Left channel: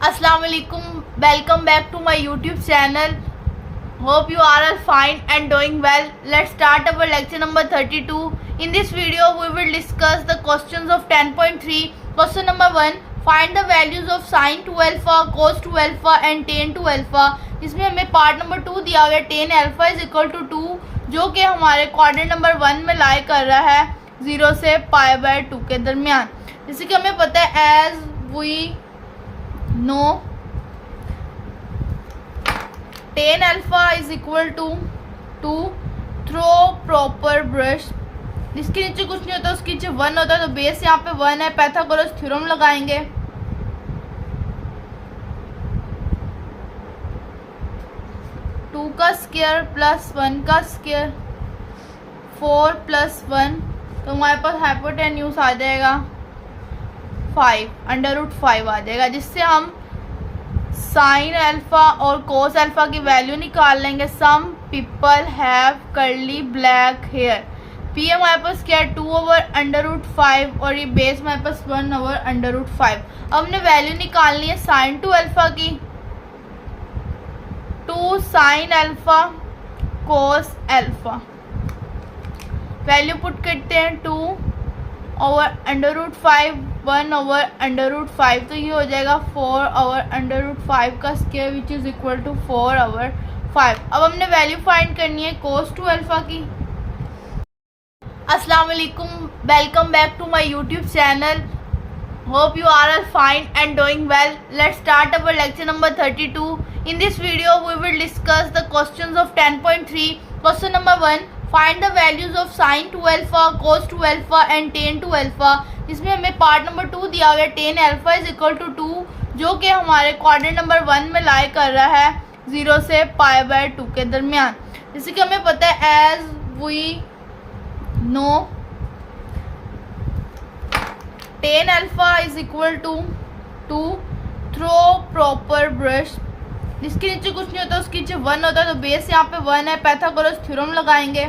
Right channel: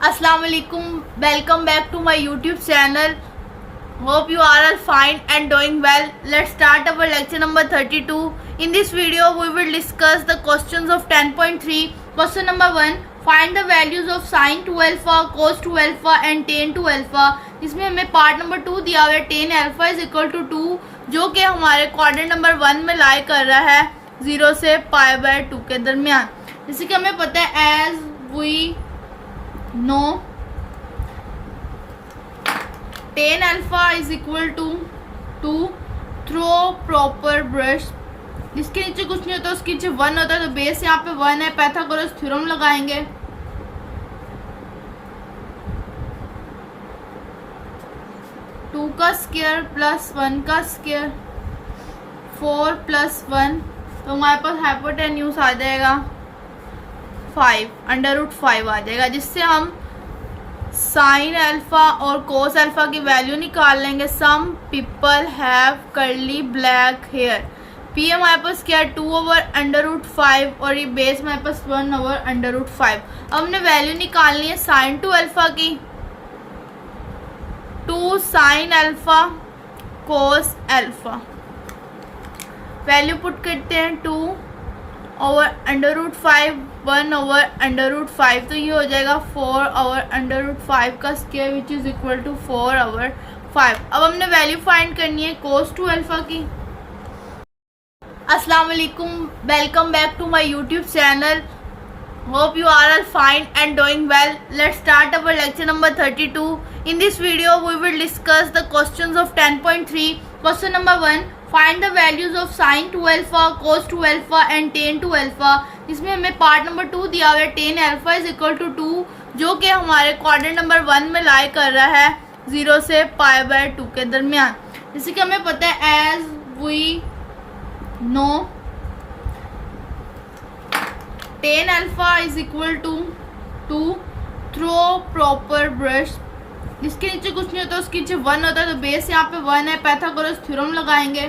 Assalamu alaikum. Welcome back to my YouTube channel. Hope you are all fine and doing well. Let's start our lecture number 32. In this video, we will discuss the questions of 10.3. Question number 1. Find the values of sin 2 alpha, cos 2 alpha and tan 2 alpha. जिसमें हमें part number 2 दिया हुआ है tan alpha is equal to 2, जो कि हमारे quadrant number 1 में लाई कर रहा है 0 से π/2 के दरमियान. जैसे कि हमें पता है as we know tan alpha is equal to 2 throw proper brush. जिसके नीचे कुछ नहीं होता उसके नीचे 1 होता है, तो बेस यहाँ पे 1 है. पाइथागोरस थ्योरम लगाएंगे. टू का स्क्वायर प्लस 1 का स्क्वायर 4 प्लस 1, तो हमारे पास हाइपोटेन्यूज आ जाएगा 5 √5 आ जाएगा. जिससे हम साइन अल्फा और कोस अल्फा की वैल्यू निकाल लेंगे. Some people have curly black hair. P हमारे पास क्या है 2/√5 और ये बेस हमारे पास 1/√5. अब हमने वैल्यू निकालनी है साइन 2 अल्फा की. 2 sine alpha cos alpha. Value put करते हैं 2/√5 1/√5, तो ये हो जाएगा 4/√5 का square which is equal to 4/5. अब हमने वैल्यू फाइंड करनी है कोस 2 अल्फा की. अस्सलाम वालेकुम. Welcome back to my YouTube channel. Hope you are all fine and doing well. Let's start our lecture number 32. In this video we will discuss the questions of 10.3. Question number 1. Find the values of sin 2 alpha, cos 2 alpha and tan 2 alpha. जिसमें हमें part number 2 दिया हुआ है tan alpha is equal to 2, जो कि हमारे quadrant number 1 में लाई कर रहा है 0 से π/2 के दरमियान. जैसे कि हमें पता है as we know tan alpha is equal to 2 throw proper brush. जिसके नीचे कुछ नहीं होता उसके नीचे 1 होता है, तो बेस यहाँ पे 1 है. पाइथागोरस थ्योरम लगाएंगे.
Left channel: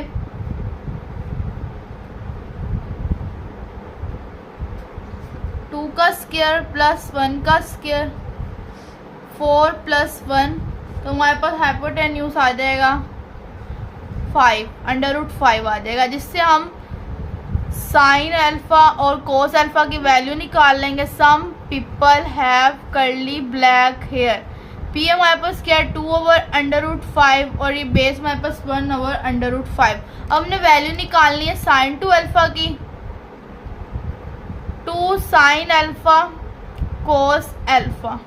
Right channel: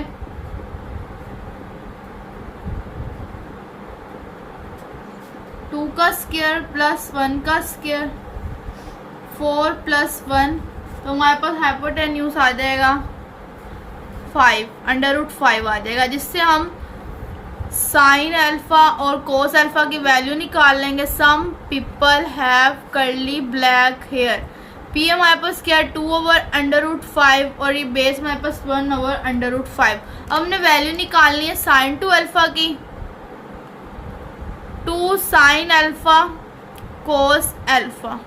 टू का स्क्वायर प्लस 1 का स्क्वायर 4 प्लस 1, तो हमारे पास हाइपोटेन्यूज आ जाएगा 5 √5 आ जाएगा. जिससे हम साइन अल्फा और कोस अल्फा की वैल्यू निकाल लेंगे. Some people have curly black hair. P हमारे पास क्या है 2/√5 और ये बेस हमारे पास 1/√5. अब हमने वैल्यू निकालनी है साइन 2 अल्फा की. 2 sine alpha cos alpha.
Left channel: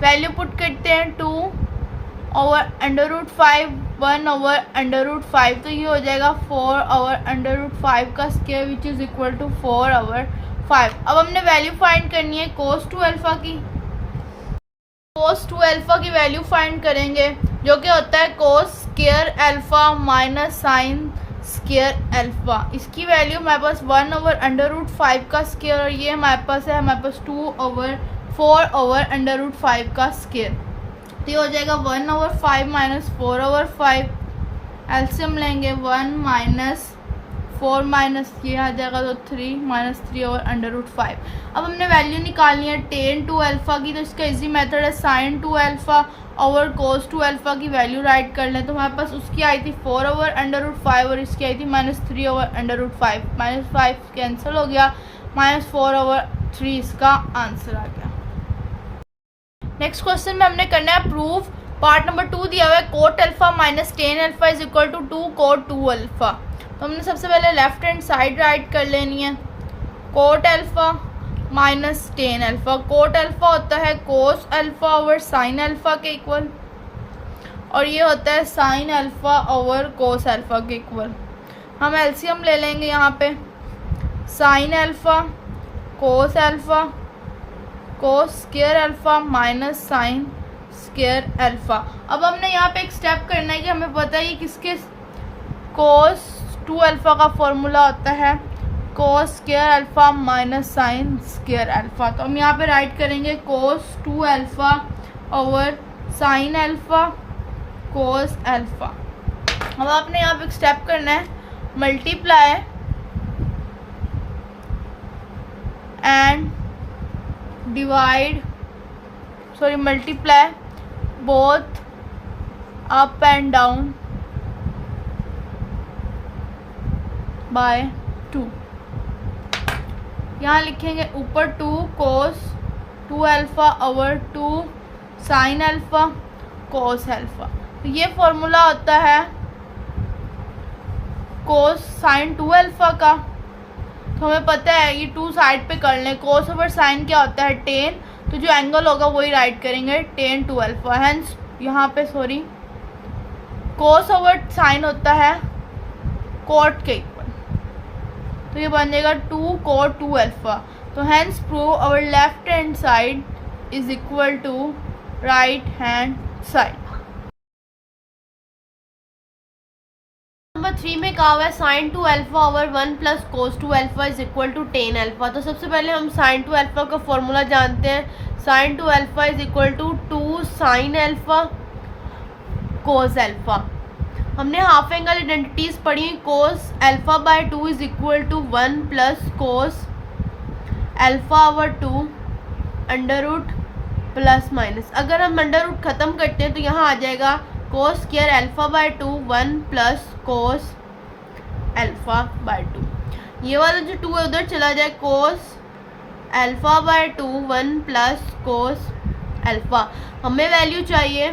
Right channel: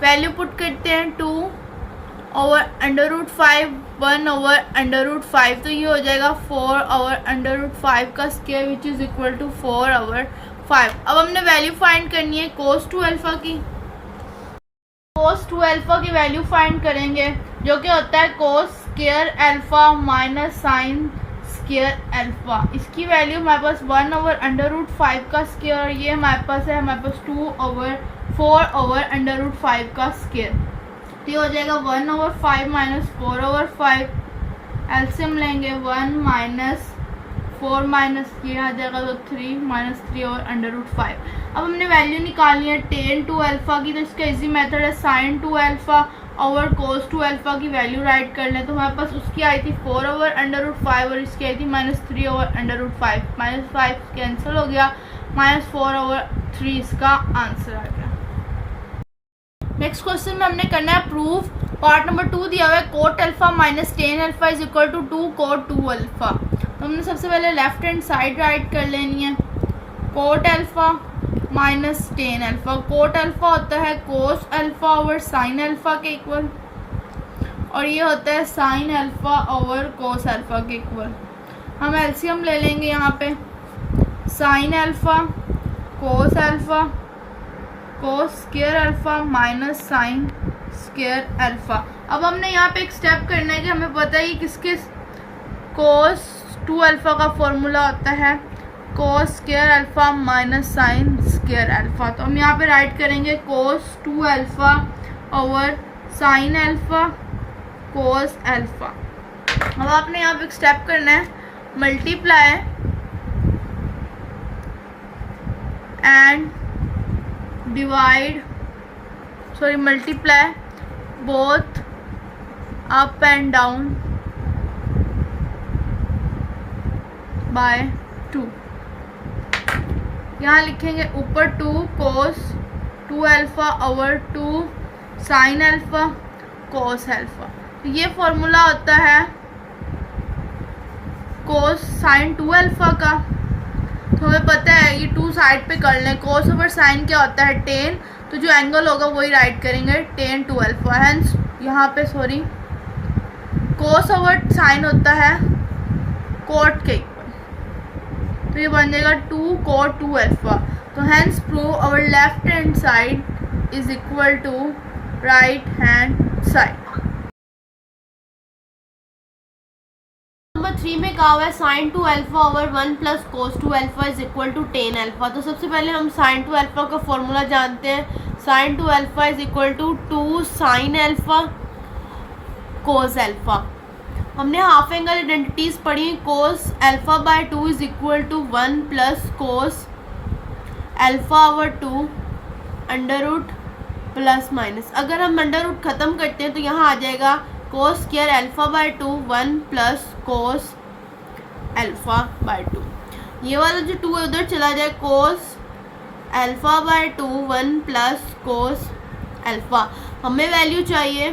Value put करते हैं 2/√5 1/√5, तो ये हो जाएगा 4/√5 का square which is equal to 4/5. अब हमने वैल्यू फाइंड करनी है कोस 2 अल्फा की. कोस 2 अल्फा की वैल्यू फाइंड करेंगे, जो कि होता है cos square alpha minus sine square alpha. इसकी वैल्यू हमारे पास 1/√5 का स्क्वायर और ये हमारे पास है 4/√5 का स्क्वायर. तो ये हो जाएगा 1/5 माइनस 4/5. एलसीएम लेंगे 1 माइनस 4 माइनस ये आ जाएगा तो 3 माइनस 3/√5. अब हमने वैल्यू निकालनी है tan 2 अल्फा की. तो इसका इजी मेथड है साइन 2 अल्फा और कोस 2 अल्फा की वैल्यू राइट कर लें. तो हमारे पास उसकी आई थी 4/√5 और इसकी आई थी -3/√5. -5 कैंसिल हो गया, -4/3 इसका आंसर आ गया. नेक्स्ट क्वेश्चन में हमने करना है प्रूफ. पार्ट नंबर 2 दिया हुआ है cot alpha minus tan alpha is equal to 2 cot 2 alpha. तो हमने सबसे पहले लेफ्ट हैंड साइड राइट कर लेनी है. Cot alpha minus tan alpha. Coat alpha होता है cos alpha over sine alpha के इक्वल, और ये होता है sine alpha over cos alpha के इक्वल. हम एलसीएम ले लेंगे यहाँ पे. Sine alpha cos alpha cos square alpha minus sine square alpha. अब हमने यहाँ पे एक स्टेप करना है कि हमें पता है कि किसके कोस 2 अल्फा का फॉर्मूला होता है cos square alpha minus sine square alpha. तो हम यहाँ पे राइट करेंगे कोस 2 alpha over sine alpha cos alpha. अब आपने यहाँ पे एक स्टेप करना है multiply and divide sorry multiply both up and down by 2। यहाँ लिखेंगे ऊपर 2 कोस 2 alpha over 2 sine alpha cos alpha. तो ये फॉर्मूला होता है कोस साइन 2 अल्फ़ा का। तो हमें पता है ये 2 साइड पे कर लें। कोस ओवर साइन क्या होता है टेन, तो जो एंगल होगा वही राइट करेंगे टेन 2 अल्फ़ा। हैंस यहाँ पे सॉरी कोस ओवर साइन होता है कोट के इक्वल, तो ये बन जाएगा 2 कोट 2 अल्फ़ा। तो hence prove our left hand side is equal to right hand side. Number 3 में कहा हुआ है sine 2 alpha over 1 plus cos 2 alpha is equal to tan alpha. तो सबसे पहले हम साइन 2 अल्फ़ा का फॉर्मूला जानते हैं। Sine 2 alpha is equal to 2 sine alpha cos alpha. हमने हाफ एंगल आइडेंटिटीज़ पढ़ी। Cos alpha by 2 is equal to 1 plus cos alpha over 2 under root plus minus. अगर हम अंडर रूट ख़त्म करते हैं तो यहाँ आ जाएगा cos square alpha by 2 1 plus cos alpha by 2। ये वाला जो 2 है उधर चला जाए, कोस alpha by 2 1 plus cos alpha. हमें वैल्यू चाहिए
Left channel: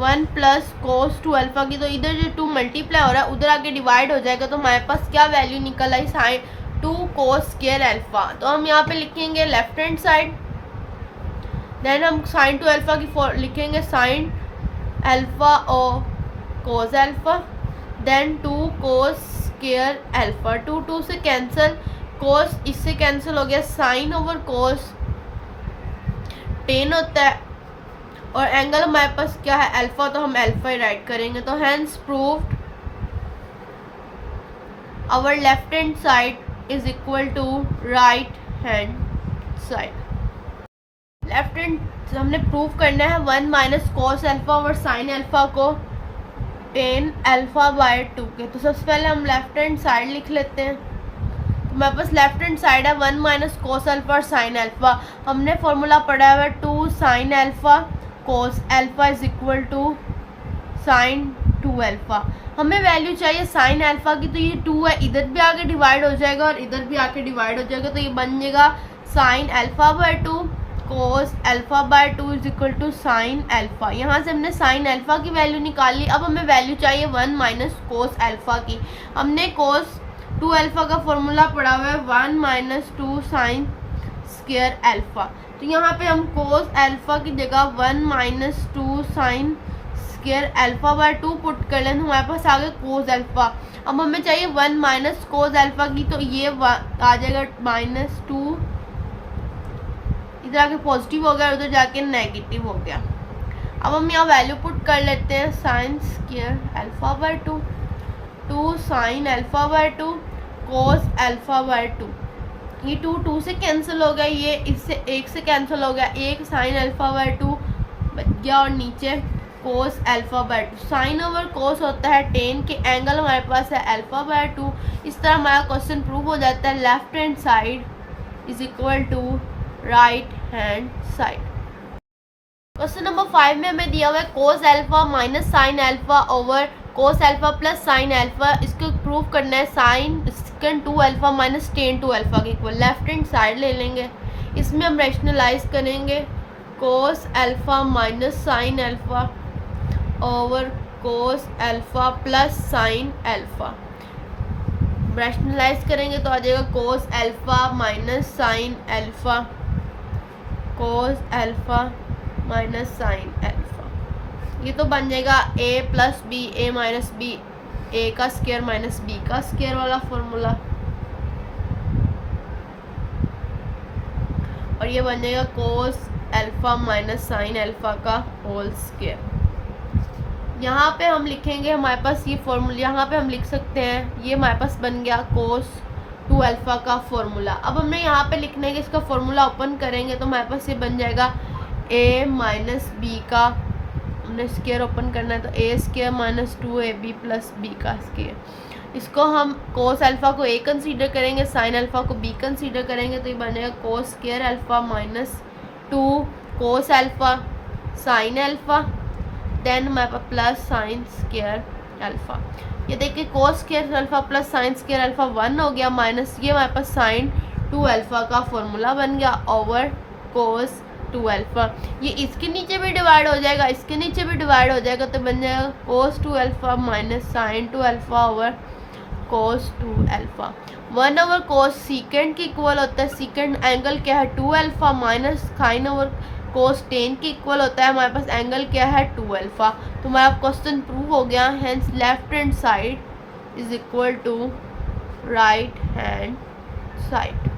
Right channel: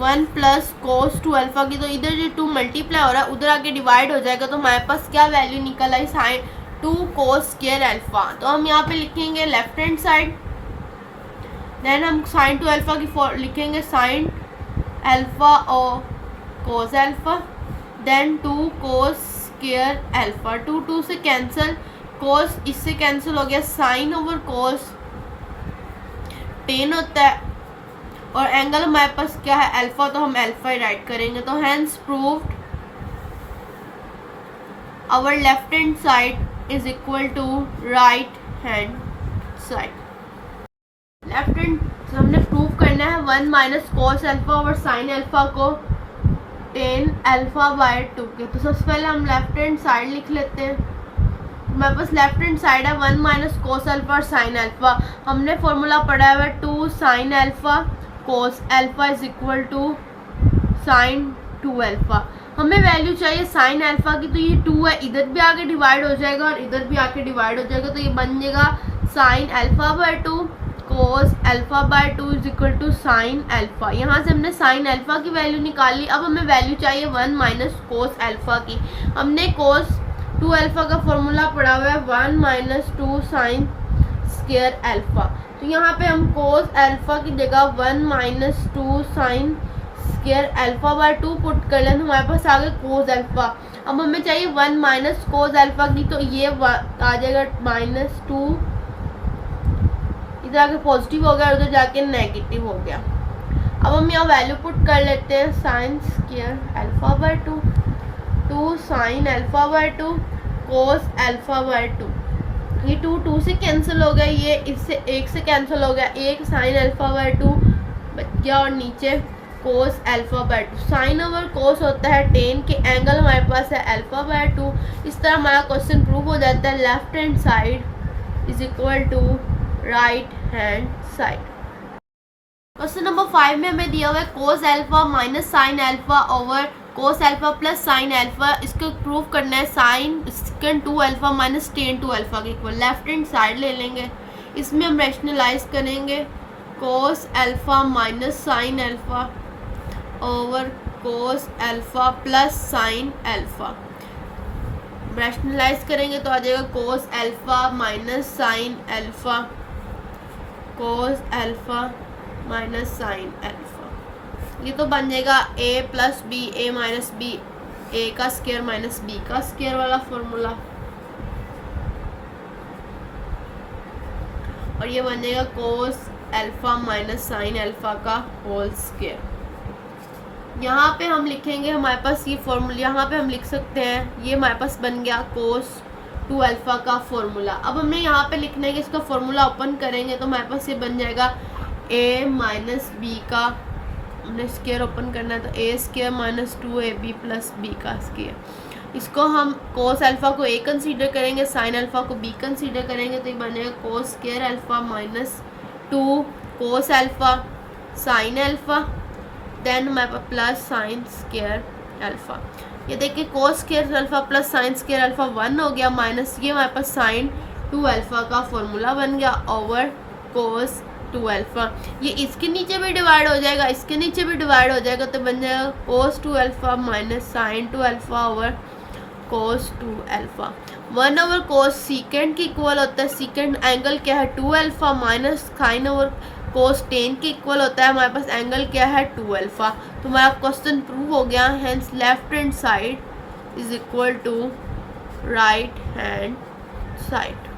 1 प्लस कोस 2 अल्फ़ा की। तो इधर जो 2 मल्टीप्लाई हो रहा है उधर आके डिवाइड हो जाएगा। तो हमारे पास क्या वैल्यू निकल आई साइन 2 कोस स्क्वायर अल्फ़ा। तो हम यहाँ पे लिखेंगे लेफ्ट हैंड साइड, देन हम साइन 2 अल्फ़ा की लिखेंगे साइन अल्फ़ा और cos alpha, then 2 cos square alpha. 2 2 से कैंसिल, कोस इससे कैंसिल हो गया, साइन ओवर कोस टेन होता है और एंगल हमारे पास क्या है अल्फ़ा, तो हम अल्फ़ा ही राइट करेंगे। तो hence proved our left hand side is equal to right hand side. Left hand हमने प्रूव करना है 1 minus cos alpha over sine alpha को टेन अल्फ़ा बाय 2 के। तो सबसे पहले हम लेफ्ट हैंड साइड लिख लेते हैं। तो मेरे पास लेफ्ट हैंड साइड है 1 माइनस कोस अल्फ़ा और साइन अल्फ़ा। हमने फॉर्मूला पढ़ा हुआ है 2 sine alpha cos alpha is equal to sine 2 alpha. हमें वैल्यू चाहिए साइन अल्फ़ा की। तो ये 2 है, इधर भी आके डिवाइड हो जाएगा और इधर भी आके डिवाइड हो जाएगा। तो ये बन जाएगा sine alpha by 2 cos alpha by 2 is equal to sine alpha. यहाँ से हमने साइन अल्फ़ा की वैल्यू निकाली। अब हमें वैल्यू चाहिए 1 माइनस कोस अल्फ़ा की। हमने कोस 2 अल्फ़ा का फॉर्मूला पढ़ा हुआ है 1 माइनस 2 साइन स्क्वायर अल्फ़ा। तो यहाँ पे हम कोस अल्फ़ा की जगह 1 minus 2 sign square alpha by 2 put कर लें तो हमारे पास आ गया कोस अल्फ़ा। अब हमें चाहिए 1 माइनस कोस अल्फ़ा की, तो ये आ जाएगा -2, इधर आके पॉजिटिव हो गया, उधर जाके नेगेटिव हो गया। अब हम यहाँ वैल्यू पुट कर लेते हैं sign square alpha by 2 2 sine alpha by 2 cos alpha by 2। ये 2 2 से कैंसिल हो गया, ये इससे 1 से कैंसिल हो गया, 1 साइन अल्फ़ा बाय 2 बच गया और नीचे cos alpha by 2। Sine over cos होता है टेन के, एंगल हमारे पास है अल्फ़ा बाय 2। इस तरह हमारा क्वेश्चन प्रूव हो जाता है left hand side is equal to right hand side. Question number 5 में हमें दिया हुआ है cos alpha minus sine alpha over cos alpha plus sine alpha. इसको प्रूव करना है sine second 2 alpha minus tan 2 alpha के इक्वल। लेफ्ट हैंड साइड ले लेंगे, इसमें हम रैशनलाइज करेंगे cos alpha minus sine alpha over cos alpha plus sine alpha. Rationalise करेंगे तो आ जाएगा cos alpha minus sine alpha cos alpha minus sine alpha. ये तो बन जाएगा a plus b a minus b, a का स्क्वायर माइनस बी का square वाला फॉर्मूला, और ये बन जाएगा cos alpha minus sine alpha का होल स्क्वायर। यहाँ पे हम लिखेंगे हमारे पास ये फॉर्मूला, यहाँ पे हम लिख सकते हैं ये हमारे पास बन गया कोस 2 अल्फ़ा का फॉर्मूला। अब हमने यहाँ पे लिखना है कि इसका फॉर्मूला ओपन करेंगे तो हमारे पास ये बन जाएगा a माइनस बी का, हमने स्क्वायर ओपन करना है तो a square minus 2ab plus b का स्क्वायर। इसको हम कोस अल्फ़ा को a कंसीडर करेंगे, साइन अल्फ़ा को b कंसीडर करेंगे तो ये बन जाएगा cos square alpha minus 2 cos alpha sine alpha, then हमारे पास प्लस साइन स्क्वायर अल्फ़ा। ये देखिए cos square alpha plus sine square alpha 1 हो गया, माइनस ये हमारे पास साइन 2 अल्फ़ा का फॉर्मूला बन गया ओवर कोस 2 अल्फ़ा। ये इसके नीचे भी डिवाइड हो जाएगा, इसके नीचे भी डिवाइड हो जाएगा, तो बन जाएगा cos 2 alpha minus sine 2 alpha over cos 2 alpha. 1 over cos secant के इक्वल होता है, सीकेंड एंगल क्या है 2 alpha, minus sine over cos tan के इक्वल होता है हमारे पास एंगल क्या है 2 अल्फ़ा। तो हमारा क्वेश्चन प्रूव हो गया, hence left hand side is equal to right hand side.